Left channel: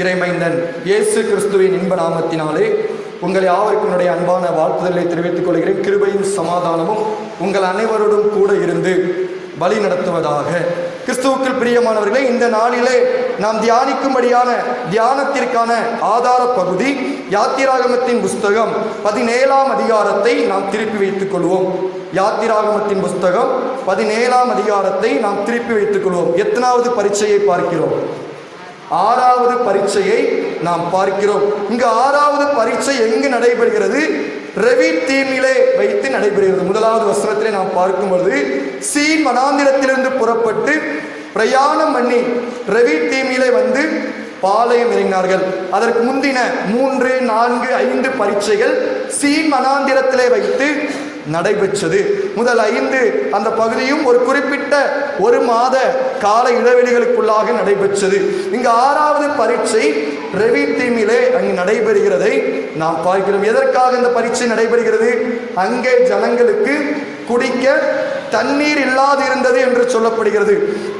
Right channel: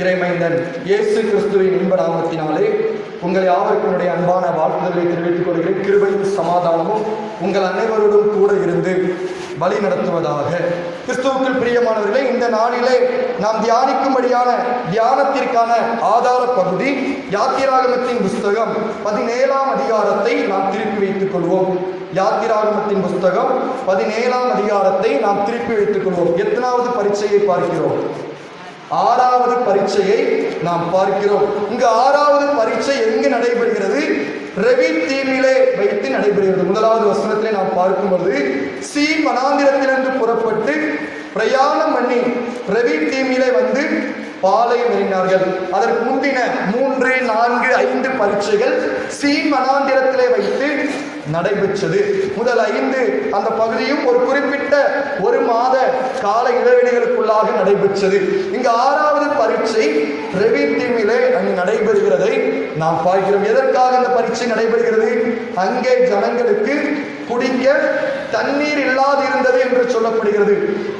இறைமைந்தன் இயேசு கிறிஸ்துவின் இன்ப நாமத்தினாலே உங்களை யாவருக்கும் அன்பான வாழ்த்துதலை தெரிவித்துக் கொள்கிறேன். கிருபையும் சமாதானமும் உங்கள் அனைவரோடும் கூட இருந்து வழி நடத்துவதாக. கிறிஸ்துவுக்குள் பிரியமானவர்களே, இந்த நாளிலே நாம் தியானிக்கும்படியான தியானத்திற்கான ஆதார பகுதி யாத்திராகமத்தின் புஸ்தகம் 17ஆம் அதிகாரத்தை நாம் திருப்பி வைத்துக் கொள்வோம். யாத்திராகமத்தின் புஸ்தகம் 17ஆம் அதிகாரத்தை நாம் திருப்பி வைத்துக் கொள்வோம். எத்தனாவது பரீட்சையை பார்க்கிறோம்? 6வது பரீட்சையை நாம் பார்க்கிறோம். இங்கு 6வது பரீட்சை எங்கு நடைபெறுகிறது? ரெவித்தீமிலே வைத்து நடைபெறுகிறது. 1வது வசனத்திலே நாம் பார்க்கும் பொழுது, சீன் வனாந்திரத்திலிருந்து புறப்பட்டு பிரயாணம் பண்ணி ரெவித்தீமிலே வந்து பாளையம் இறங்கினார்கள். அதற்கு முந்தின 3, 4, 5 பரீட்சைகள் சீன் வனாந்திரத்திலே வைத்து நடைபெற்றது. முதல் 5 அந்த பகுதியும் ஒரு குறிப்பிட்ட 1 மாத கால இடைவெளிகளுக்குள்ளாக நடைபெற்றது. இங்கு 6வது பரீட்சை ரெவித்தீமிலே அங்கு நடைபெறுகிறதை நாம் பார்க்கிறோம். எதற்காக இந்த பரீட்சை நடைபெறுகிறது? அங்கே ஜனங்களுக்கு குடிக்க தண்ணீர் இல்லாது இருந்தது என்று சொல்லப்படுகிறது.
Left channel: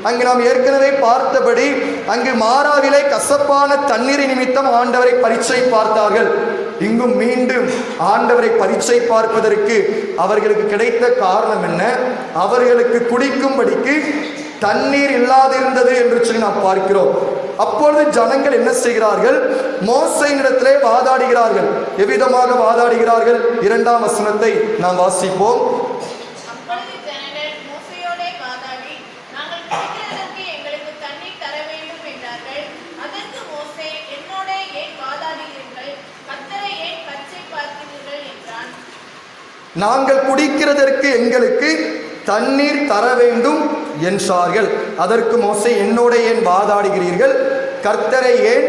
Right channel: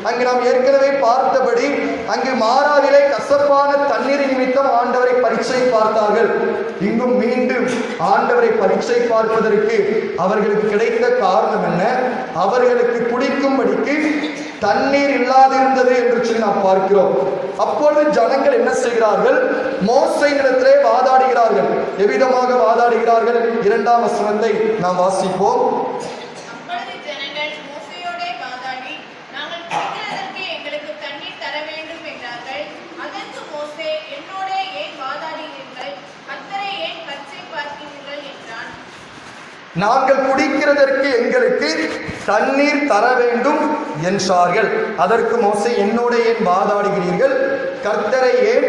அங்கு நாம் ஏற்கனவே பார்த்தபடி அங்கு மாறாவிலே கசப்பான தண்ணீர் நிமித்தம் ஆண்டவரை பரீட்சை பார்த்தார்கள். இங்கும் மீண்டும் ஆண்டவரை பரீட்சை பார்ப்பதற்கு அவர்களுக்கு கிடைத்த காரணம் என்ன? அவர்களுக்கு குடிக்கும்படிக்கு தண்ணீர் இல்லாதிருந்தது என்று சொல்லி நாம் பார்க்கிறோம். அப்பொழுது ஜனங்கள் என்ன செய்கிறார்கள்? மோசேயினிடத்திலே வாதாடுகிறார்கள். எவ்விதமாக வாதாடுகிறார்கள்? 2ஆம் வசனத்தை நாம் வாசிப்போம். நாங்கள் குடிக்கிறதற்கு எங்களுக்கு தண்ணீர் தர வேண்டும் என்றார்கள். அதற்கு மோசே, என்னோட ஏன் வாதாடுகிறீர்கள்? கர்த்தரை ஏன்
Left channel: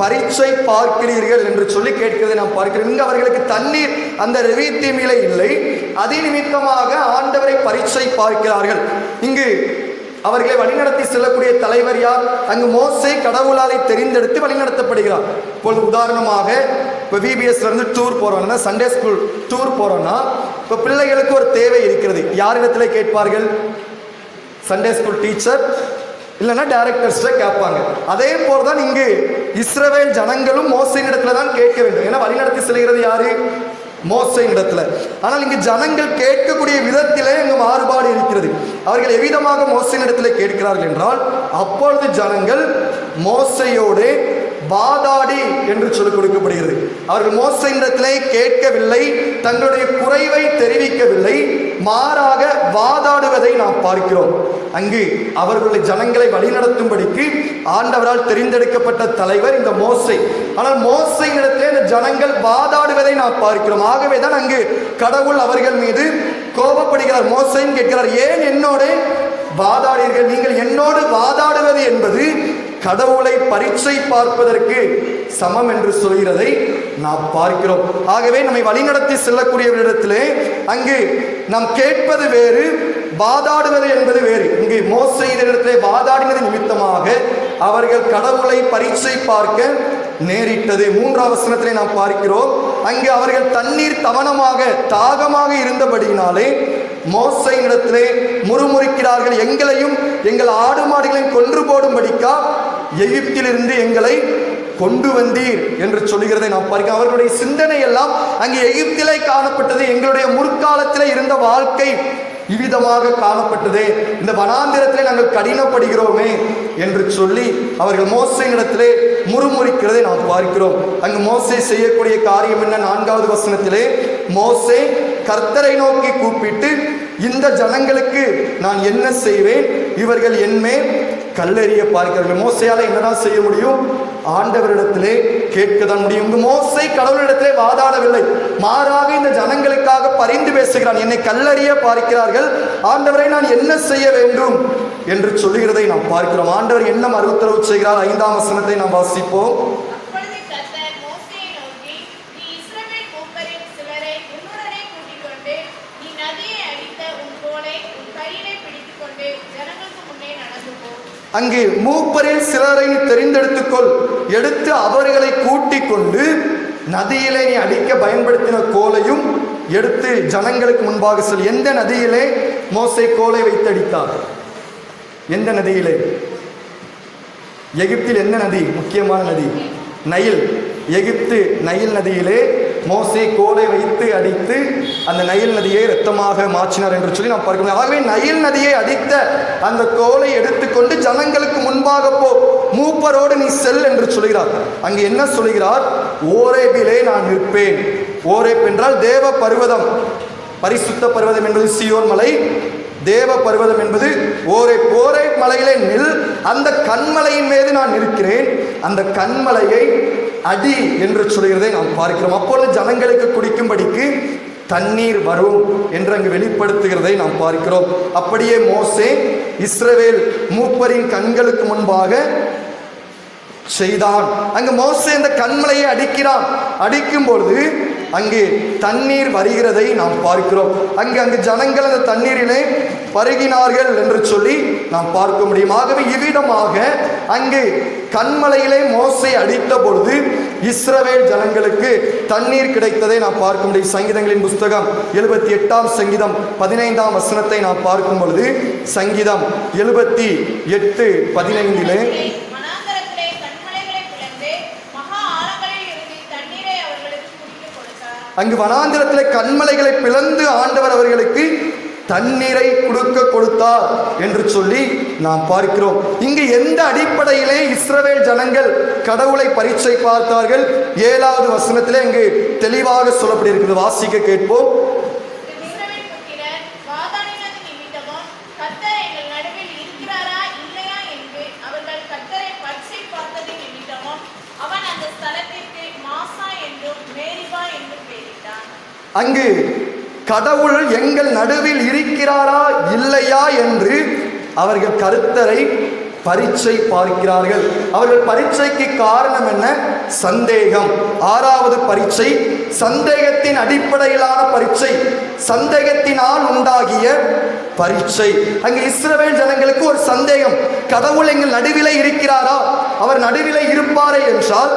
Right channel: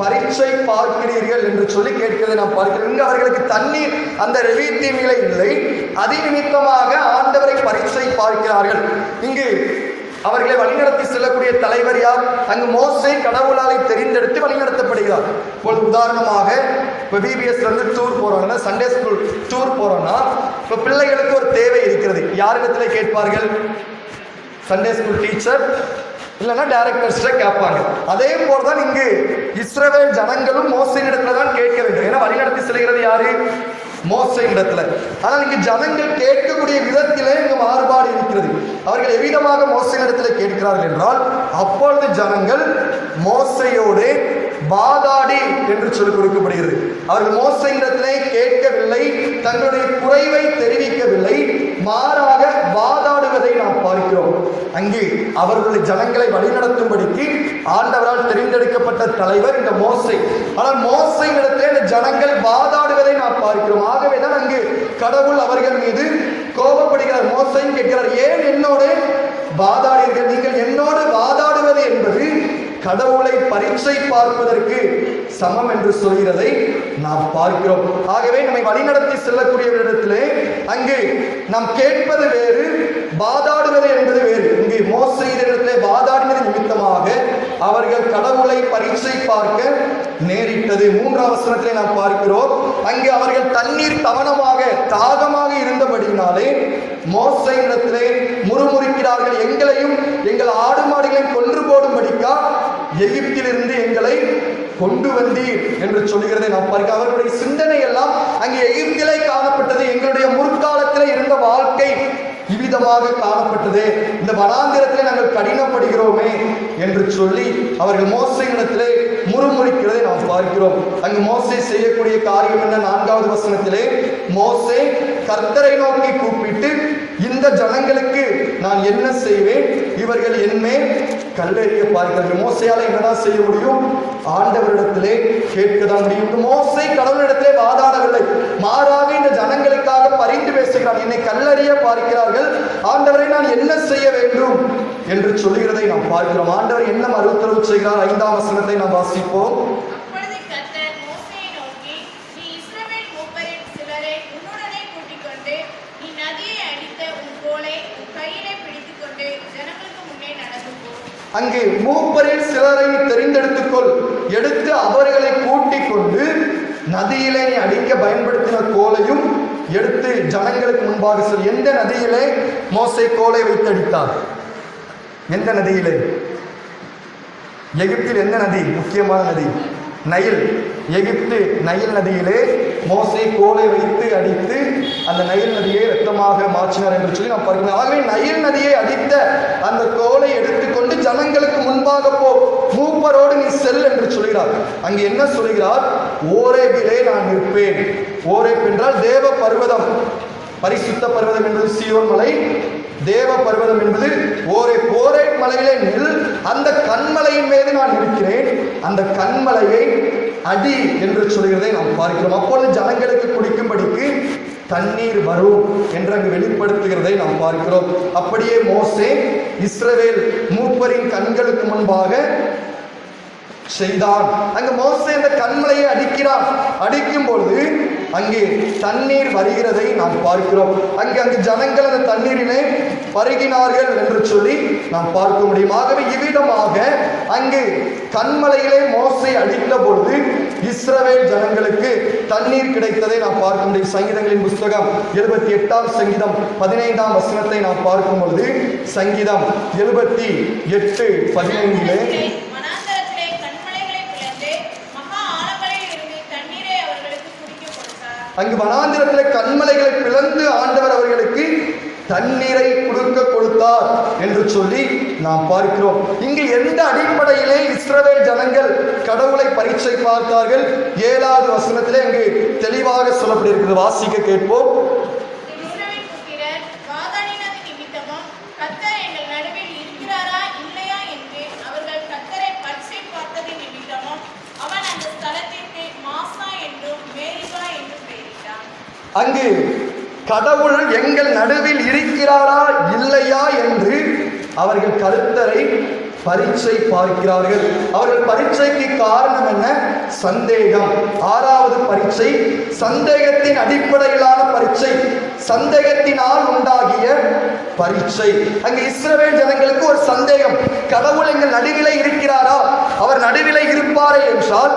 பரீட்சை பார்க்கிறீர்கள் என்று சொல்லி கேட்கிறதை நாம் பார்க்கிறோம். இங்கு அவர்களுக்கு தண்ணீர் அந்த ரெவித்தீமிலே இல்லை. அதி நிமித்தமாக ஆண்டவரை பரீட்சை பார்க்கிறார்கள். இங்கு அவர்களை வழிநடத்தி செல்லக்கூடிய தலைவர் யார்? அங்கு மோசே கடவுளாலை தெரிந்தெடுத்து வழிநடத்தப்படுகிறார். இப்பொழுது உதாரணமாக இப்போ VBS இருந்து டூர் போறோம்னா, சண்டே ஸ்கூல் டூர் போறோம்னா, இப்போ பிள்ளைகளுக்கு ஒரு தேவை இருக்கிறது. யாரிடத்துல கேட்பார்கள்? சண்டே ஸ்கூல் டீச்சர் இல்லைன்னா டைரக்டர்ஸ்ட கேட்பாங்க. அதே போல்தான் இங்கு இஸ்ரவேல் ஜனங்களும் மோசேயின் இடத்துல தான் கேட்க வேண்டும். ஏன்னா வழிநடத்தி செல்கிறது யாரு? மோசேயின் இடத்துல. ஆனால் இங்கு ஜனங்கள் கேட்கக்கூடிய விதத்திலே இங்கு மாறுபாடு இருக்கிறது. அவர்கள் எவ்விதமாக மோசேயின் இடத்துல கேட்கிறார்கள் என்றால், அப்பொழுது ஜனங்கள் மோசேயோடு வாதாடி என்று சொல்லிக் கொடுக்கப்படுகிறது. அவர்கள் மோசேயின் இடத்திலே கேட்கவில்லை, தங்களுடைய குறைவை தெரிவிக்கவில்லை, மாறாக வாதாடுவதை நாம் பார்க்கிறோம். அங்கு அவர்களுடைய ஜனங்களை வழிநடத்தும்படிக்கு ஆண்டவரால் தெரிந்தெடுக்கப்பட்ட தலைவர் இந்த மோசே. ஆனால் மோசேயின் இடத்திலே இந்த ஜனங்கள் வாதாடுவதை நாம் பார்க்கிறோம். ஆகவேதான் அங்கு கடவுள் அவர்கள் மீது கோபப்படுகிறார். மோசேயும் கேட்கிறார், ஏன் என்னோடு வாதாடுகிறீர்கள்? நீங்கள் என்னோடு வாதாடுவது என்பது கடவுளை பரீட்சை பார்ப்பதற்கு சமம் என்று சொல்கிறதை நாம் பார்க்கிறோம். ஆகவே நம்மை வழிநடத்தி செல்லக்கூடியவரிடத்திலே அங்கு நாம் கேட்பது வேறு, வாதாடுவது என்பது வேறு. இங்கு மோசேயினிடத்திலே வாதாடினது நிமித்தமாக அவர்கள் கடவுளை பரீட்சை பார்க்க நேரிட்டது. 3ஆம் வசனத்திலே நாம் பார்க்கிறோம், அங்கு அவர்கள் தண்ணீர் தாகமாக இருந்தபடியினாலே மோசேயினிடத்திலே முறுமுறுக்கிறார்கள். எங்களையும் எங்கள் ஆடு மாடுகளையும் கொன்று போடும்படிக்கா எகிப்திலிருந்து எங்களை கொண்டு வந்தீர் என்று சொல்லுகிறதை நாம் பார்க்க. அவர்களுடைய சிந்தனை எல்லாம் அங்கே எகிப்திலே காணப்பட்டது. எங்களுடைய முற்காலத்திலே இருந்த வாழ்க்கை இவ்விதமாக காணப்பட்டதே, இந்த வனாந்திரத்திலே நாங்கள் கடினப்படுகிறோமே என்று சொல்லி அவர்கள் மோசேயினிடத்திலே முறுமுறுக்கிறதை நாம் பார்க்கிறோம். அங்கு மோசே செய்யக்கூடிய காரியம் என்ன? 4வது வசனத்திலே மோசே கர்த்தரை நோக்கி கூப்பிட்டு, இந்த ஜனங்களுக்கு நான் என்ன செய்வேன்? இவர்கள் என்மேல் கல்லெறிய பார்க்கிறார்கள். மோசையால என்னதான் செய்ய முடியும்? ஆண்டவரிடத்திலே கேட்கதான் முடியும். மோசே கடவுளிடத்திலே வாதாடவில்லை, மாறாக இந்த ஜனங்களுக்காக பரிந்து பேசுகிறான். என்னை கல்லெறிய பார்க்கிறார்கள், ஆண்டவரை நான் என்ன செய்ய வேண்டும் என்று சொல்லுகிறதை நாம் பார்க்கிறோம். ஆண்டவர் என்ன மறுத்தரவு செய்கிறார்? 5ஆம் வசனத்தை நாம் வாசிப்போம். அங்கே மூப்பரில் சிலரை தெரிந்தெடுத்துக்கொள், எடுத்து அவர்களை கூட்டிக் கொண்டு நதியிலே நீ அடிக்க பயன்படுத்தின கோலையும் எடுத்து ஜனங்களுக்கு முன்பாக சொல். எந்த நதியிலே மோசே கோலை வைத்து அடித்தார்? எந்த நதியிலே? எகிப்தில் எந்த நதி முக்கியமான நதி? நைல். எகிப்து நைல் நதியிலே மோசே கோலை வைத்து அடித்து அந்த நைல் நதியை இரத்தமாக மாற்றினார் என்று சொல்லி நாம் பார்க்கிறோம். ஆகவே நைல் நதியை அடித்த அந்த கோலை எடுத்துக்கொண்டு ஜனங்களுக்கு முன்பாக போ, மூப்பரோடு நீ செல் என்று சொல்கிறார். அங்கு என்ன சொல்கிறார்? ஓரேபிலே நான் நிற்பேன். ஓரேப் என்றால் தேவ பர்வதம், பரிசுத்த பர்வதம் என்பது சீயோன் மலை, தேவ பர்வதம் என்பது ஓரேப். ஓரேப் மலையிலே நில், அந்த கண்மலையின் மீது நான் இருக்கிறேன், அந்த கண்மலையை அடி என்று சொல்கிறதை நாம் பார்க்கிறோம். அப்பொழுது ஜனங்களுக்கு குடிக்கும்படிக்கு தண்ணீர் வரும் என்று அங்கு வெளிப்படுத்துகிறதை நாம் பார்க்கிறோம். அப்படியே மோசே இஸ்ரவேல் மூப்பரின் கண்களுக்கு முன்பாக செய்தான். அங்கு மோசே இந்த கண்மலையை அடிக்கிறான். அடிக்கும் பொழுது அங்கு தண்ணீர் வருகிறதை நாம் பார்க்கிறோம். அங்கு ஜனங்கள் அந்த தண்ணீரினை பருகினார்கள் என்று சொல்லி நாம் பார்க்க முடியும். ஆகவே இவ்விதமாக அங்கு கண்மலையிலே மோசே அடித்த பொழுது இஸ்ரவேல் ஜனங்களுக்கு தண்ணீர் கிடைத்ததை நாம் பார்க்க முடியும். சங்கீதங்களின் புஸ்தகம் 78 சங்கீதம் 15 வசனத்தை நாம் பார்க்கும் பொழுது சங்கீதம் 78:15 அங்கு வனாந்திரத்திலே கண்மலைகளை பிளந்து ஆண்டவர் அவர்களுக்கு தண்ணீரை கொடுத்தார் என்று சொல்லி நாம் பார்க்கிறோம். இங்கு எந்த அடிப்படையிலே இஸ்ரவேல் ஜனங்கள் கடவுளை பரீட்சை பார்த்தார்கள்? 7வது வசனத்திலே இங்கு தெளிவாக சொல்லப்பட்டிருக்கிறது. வாசிக்க கேட்போம். அங்கு கடவுள் எங்கள் நடுவில் இருக்கிறாரா இல்லையா என்று அவர்கள் கர்த்தரை பரீட்சை பார்க்கிறார்கள். அவர்கள் பரீட்சைக்கு காரணம் என்ன? சந்தேகம். 6வது பரீட்சை சந்தேகத்தின் அடிப்படையிலான பரீட்சை, சந்தேகத்தினால் உண்டாகிய பரீட்சை. அங்கு இஸ்ரவேல் ஜனங்களுக்கு ஒரு சந்தேகம், கடவுள் எங்கள் நடுவிலே இருக்கிறாரா? அவர் நடுவிலே இருப்பாரே என்றால்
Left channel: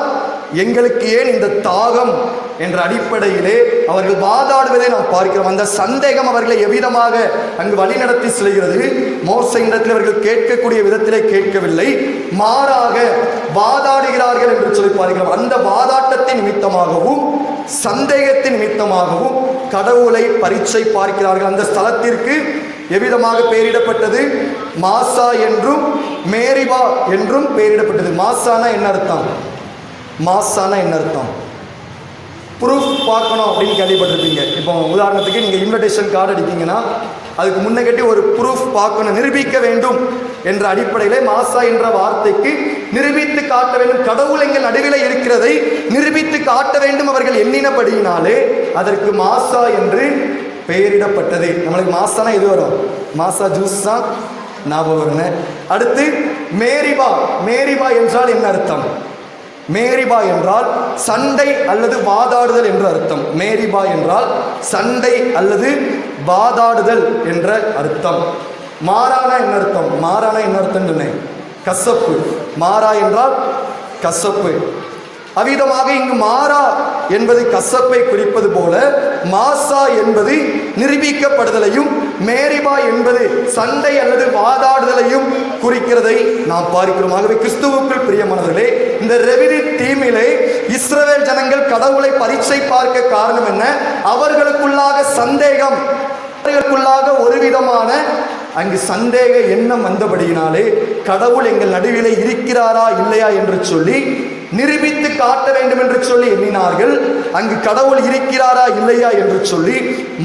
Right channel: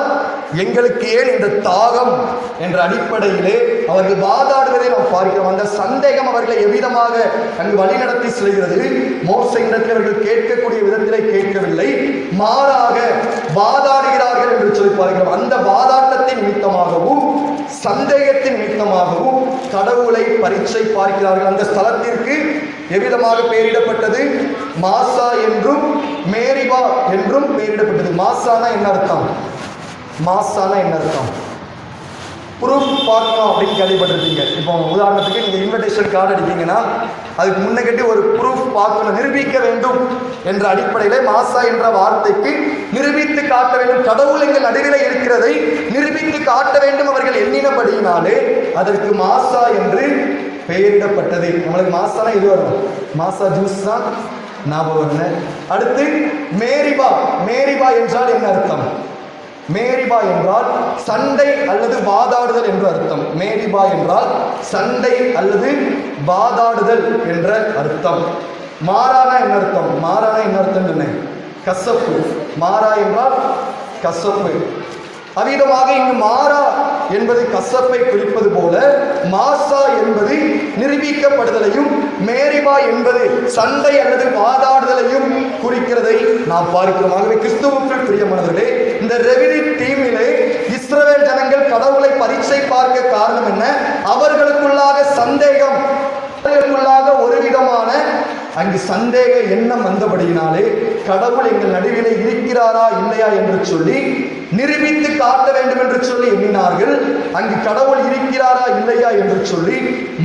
எங்களுக்கு ஏன் இந்த தாகம் என்ற அடிப்படையிலே அவர்கள் வாதாடுவதை நாம் பார்க்கிறோம். அந்த சந்தேகம் அவர்களை எவ்விதமாக அங்கு வழிநடத்தி செல்கிறது? மோசையிடத்தில் அவர்கள் கேட்கக்கூடிய விதத்திலே கேட்கவில்லை, மாறாக வாதாடுகிறார்கள் என்று சொல்லி பார்க்கிறோம். அந்த வாதாட்டத்தின் நிமித்தமாகவும் சந்தேகத்தின் நிமித்தமாகவும் கடவுளை பரீட்சை பார்க்கிறார்கள். அந்த ஸ்தலத்திற்கு எவ்விதமாக பெயரிடப்பட்டது? மாசா என்றும் மேரிபா என்றும் பெயரிடப்பட்டது. மாசானா என்ன அர்த்தம்? மாசானா என்ன அர்த்தம்? ப்ரூஃப் பார்க்கணும் அப்படின்னு கேள்விப்பட்டிருப்பீங்க. இப்போ உதாரணத்துக்கு நீங்கள் இன்விடேஷன் கார்டு அடிப்பீங்கன்னா அதுக்கு முன்ன கட்டி ஒரு ப்ரூஃப் பார்க்கணும், நிரூபிக்க வேண்டும் என்ற அடிப்படையிலே மாசா என்ற வார்த்தைக்கு நிரூபித்து காட்ட வேண்டும், கடவுள் எங்கள் நடுவில் இருக்கிறதை நிரூபித்து காட்ட வேண்டும் அவர்கள் எண்ணினபடியினாலே அதற்கு மாசா என்று பெயரிடப்பட்டது. நம்மளுக்கு மாசானா இது வரும், மாசா ஜூஸ் தான் ஞாபகம் வருங்க. அடுத்து மேரிபா. மேரிபா என்றால் என்ன அர்த்தம்? மேரிபா என்றால் சண்டை அல்லது வாதாடுதல் என்ற அர்த்தம். மேரிபா என்றால் சண்டை அல்லது வாதாடுதல் என்ற அர்த்தம். மாறானா என்ன அர்த்தம்? மாறானா என்ன அர்த்தம் சொன்னேன்? கசப்பு. மாறா என்றால் கசப்பு. அவ்விதமாக இங்கு மாறா என்பது கசப்பை குறிப்பது போல மாசா என்பது நிரூபிக்கப்படுதலையும் மேரிபா என்பது சண்டை அல்லது வாதாடுதலையும் குறிக்கிறதை நாம் பார்க்கிறோம். ஆகவே கிறிஸ்துவுக்குள் பிரியமானவர்களே, இந்த ரெவினி தீமிலே இஸ்ரவேல் ஜனங்கள் கடவுளை பரீட்சை பார்க்க காரணம் என்ன? அவர்களுக்குள்ளாக சந்தேகம், அவர்களுக்குள்ளாக ஒரு விதமான அங்கு சந்தேக எண்ணம் வந்தபடியினாலே கடவுள் எங்கள் நடுவிலே இருக்கிறாரா இல்லையா என்று சொல்லி நிரூபித்து காட்ட வேண்டும் என்று சொல்லி எண்ணினார்கள். அங்கு கடவுள் இருக்கிறாரா இல்லையா என்று சொல்லி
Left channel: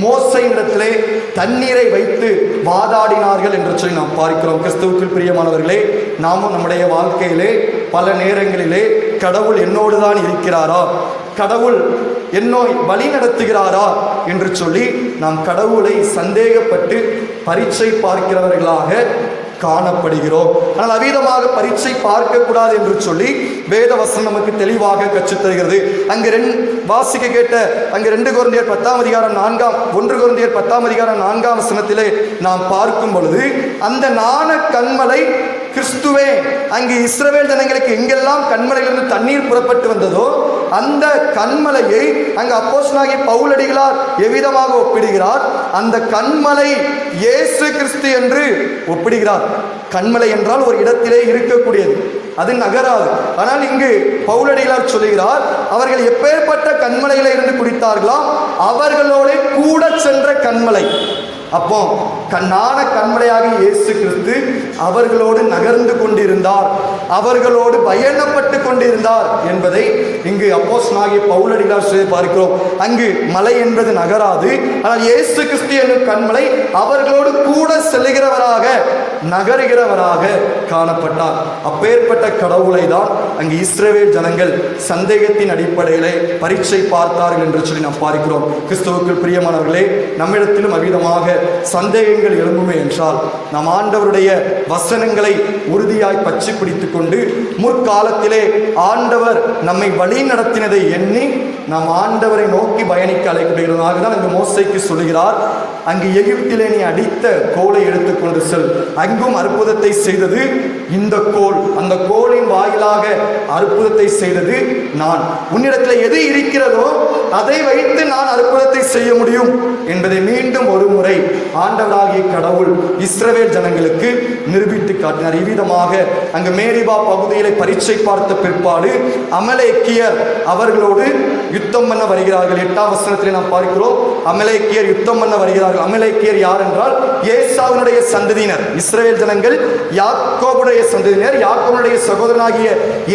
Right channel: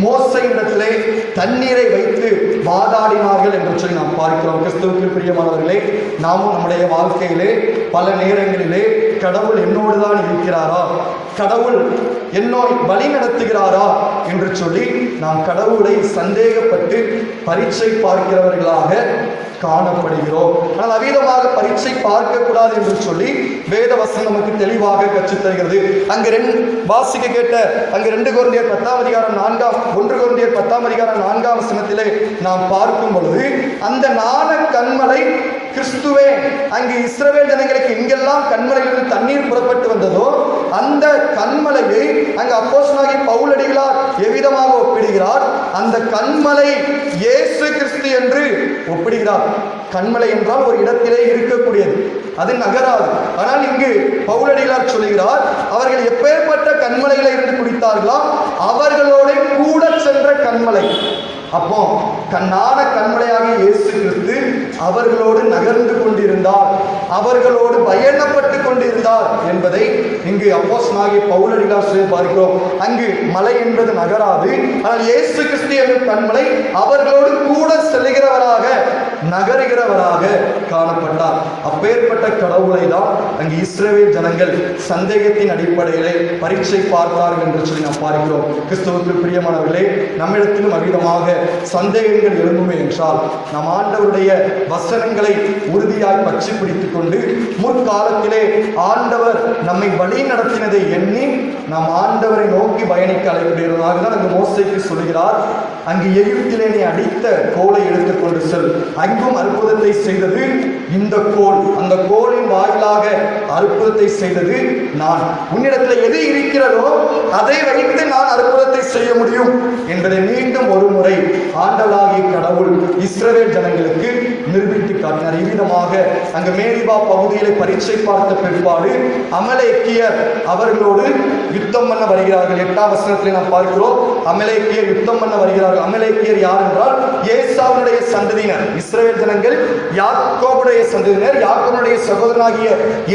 மோசையிடத்திலே தண்ணீரை வைத்து வாதாடினார்கள் என்று சொல்லி நாம் பார்க்கிறோம். கிறிஸ்துவுக்குள் பிரியமானவர்களே, நாமும் நம்முடைய வாழ்க்கையிலே பல நேரங்களிலே கடவுள் என்னோடுதான் இருக்கிறாரா, கடவுள் என்னை வழி நடத்துகிறாரா என்று சொல்லி நாம் கடவுளை சந்தேகப்பட்டு பரீட்சை பார்க்கிறவர்களாக காணப்படுகிறோம். ஆனால் அவ்விதமாக பரீட்சை பார்க்கக்கூடாது என்று சொல்லி வேத வசனம் நமக்கு தெளிவாக கற்றுத் தருகிறது. அங்கு வாசிக்க கேட்ட அங்கு 2 கொரிந்தியர் 1 கொரிந்தியர் 10 வசனத்திலே நாம் பார்க்கும் பொழுது அந்த ஞான கண்மலை கிறிஸ்துவே. அங்கு இஸ்ரவேல் ஜனங்களுக்கு எங்கெல்லாம் கண்மலையிலிருந்து தண்ணீர் புறப்பட்டு வந்ததோ அந்த கண்மலையை அங்கு அப்போஸ்தலனாகிய பவுலடிகளார் எவ்விதமாக ஒப்பிடுகிறார்? அந்த கண்மலை இயேசு கிறிஸ்து என்று ஒப்பிடுகிறார். கண்மலை என்றால் ஒரு இடத்திலே இருக்கக்கூடியது. அது நகராது. ஆனால் இங்கு பவுலடிகளார் சொல்கிறார், அவர்கள் எப்பேற்பட்ட கண்மலையில இருந்து குடித்தார்களோ அவர்களோடு கூட சென்ற கண்மலை. அப்போ கண்ணான கண்மலையாக இயேசு கிறிஸ்து அவர்களோடு நகர்ந்து கொண்டிருந்தார், அவர்களோடு பயணப்பட்டு கொண்டிருந்தார் என்பதை இங்கு அப்போஸ்தலனாகிய பவுலடிகளார் சொல்லி பார்க்கிறோம். அங்கு மலை என்பது நகராது, ஆனால் இயேசு கிறிஸ்து என்ற கண்மலை அவர்களோடு கூட செல்லுகிறவராக நகருகிறவராக காணப்பட்டார். அப்பேற்பட்ட கடவுளை தான் அங்கு இஸ்ரவேல் ஜனங்கள் சந்தேகத்தின் அடிப்படையிலே பரீட்சை பார்த்தார்கள் என்று சொல்லி நாம் பார்க்கிறோம். கிறிஸ்துவுக்கு பிரியமானவர்களே, நம்மிடத்திலும் அவ்விதமாக சந்தேகங்கள் எழும்புமே என்றால் நாம் ஆண்டவருடைய வசனங்களை உறுதியாய் பற்றி பிடித்துக் கொண்டு முற்காலத்திலே ஆண்டவர் நம்மை வழி நடத்தினதை எண்ணி நாம் ஆண்டவரை நோக்கி பயணிக்க அழைக்கப்படுகிறதாக தான் அங்கு மோசேக்கு சொல்கிறார், அங்கு எகிப்திலே நீ அடித்த கோலை எடுத்துக்கொண்டு செல், அங்கும் அற்புதத்தை செய்தது இந்த கோல், அந்த கோலின் வாயிலாக அற்புதத்தை செய்தது நான், உன்னிடத்தில் எது இருக்கிறதோ அதை வைத்து நான் அற்புதத்தை செய்ய முடியும் என்பதை மீண்டும் ஒரு முறை ஆண்டவராகிய கடவுள் இஸ்ரவேல் ஜனங்களுக்கு நிரூபித்து காட்டினார். இவ்விதமாக அங்கு மேரிபா பகுதியிலே பரீட்சை பார்த்த பிற்பாடு அமலேக்கியர் அவர்களோடு யுத்தம் பண்ண வருகிறார்கள். 8ஆம் வசனத்தில் நாம் பார்க்கிறோம், அமலேக்கியர் யுத்தம் பண்ண வருகிறார்கள். அமலேக்கியர் யார் என்றால் ஏசாவுடைய சந்ததியினர். இஸ்ரவேல் ஜனங்கள் யாக்கோபுடைய சந்ததியினர், யாக்கோபுடைய சகோதரனாகிய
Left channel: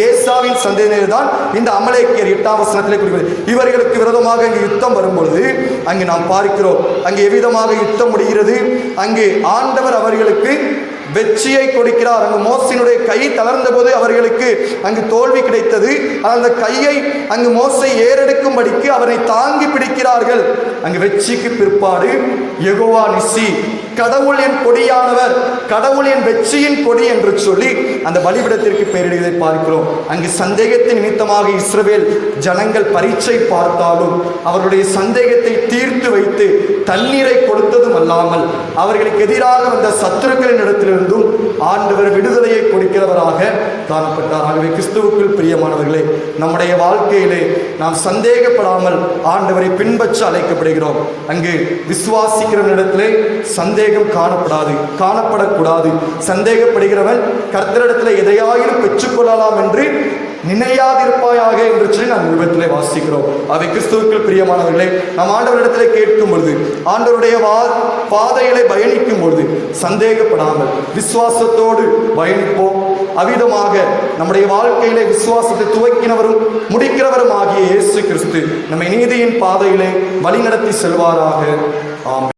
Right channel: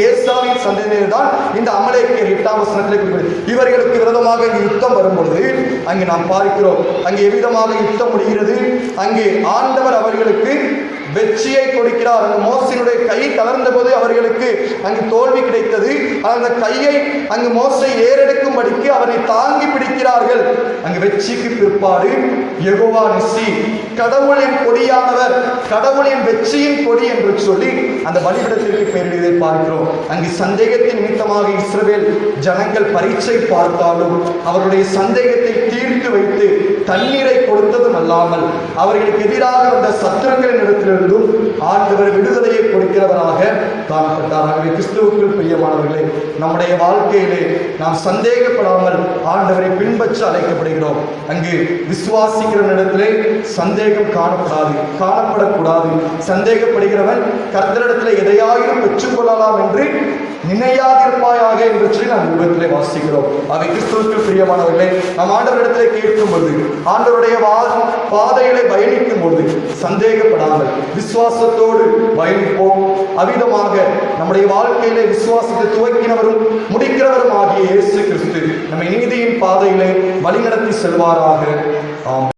ஏசாவின் சந்ததியினர் தான் இந்த அமலேக்கியர். 8ஆம் வசனத்திலே குறிப்பிடுகிறது. இவர்களுக்கு விரோதமாக இங்கு யுத்தம் வரும்பொழுது அங்கு நாம் பார்க்கிறோம், அங்கு எவ்விதமாக யுத்தம் முடிகிறது. அங்கு ஆண்டவர் அவர்களுக்கு வெற்றியை கொடுக்கிறார். அங்கு மோசையினுடைய கை தளர்ந்த போது அவர்களுக்கு அங்கு தோல்வி கிடைத்தது. அந்த கையை அங்கு மோசை ஏறெடுக்கும்படிக்கு அவரை தாங்கி பிடிக்கிறார்கள். அங்கு வெற்றிக்கு பிற்பாடு யெகோவா நிசி, கடவுளின் கொடியானவர், கடவுளின் வெற்றியின் கொடி என்று சொல்லி அந்த பலிபீடத்திற்கு பெயரிடுவதை பார்க்கிறோம். அங்கு சந்தேகத்தின் நிமித்தமாக இஸ்ரவேல் ஜனங்கள் பரீட்சை பார்த்தாலும் அவர்களுடைய சந்தேகத்தை தீர்த்து வைத்து தண்ணீரை கொடுத்ததும் அல்லாமல் அவர்களுக்கு எதிராக வந்த சத்துருக்களின் இடத்திலிருந்தும் ஆண்டவர் விடுதலையை கொடுக்கிறவராக காணப்பட்டார். ஆகவே கிறிஸ்துவுக்குள் பிரியமானவர்களே, நம்முடைய வாழ்க்கையிலே நாம் சந்தேகப்படாமல் ஆண்டவரை பின்பற்ற அழைக்கப்படுகிறோம். அங்கு விசுவாசிக்கிற இடத்திலே சந்தேகம் காணப்படக்கூடாது. சந்தேகப்படுகிறவன் கர்த்தரிடத்தில் எதையாயினும் பெற்றுக்கொள்ளலாம் என்று நினையாதிருப்பாயாக என்று சொல்லி நாம் விபத்திலே வாசிக்கிறோம். அவை கிறிஸ்துவுக்குள் பிரியமானவர்களே, நாம் ஆண்டவரிடத்திலே கேட்கும் பொழுது, ஆண்டவருடைய பாதையிலே பயணிக்கும் பொழுது சந்தேகப்படாமல் விசுவாசத்தோடு பயணிப்போம். அவ்விதமாக நம்முடைய வாழ்க்கையிலே விசுவாசத்தை துவக்கினவரும் முடிக்கிறவரும் ஆகிய இயேசு கிறிஸ்து நம்மை நீதியின் பாதையிலே வழிநடத்தி செல்வாராக. ஆமென்.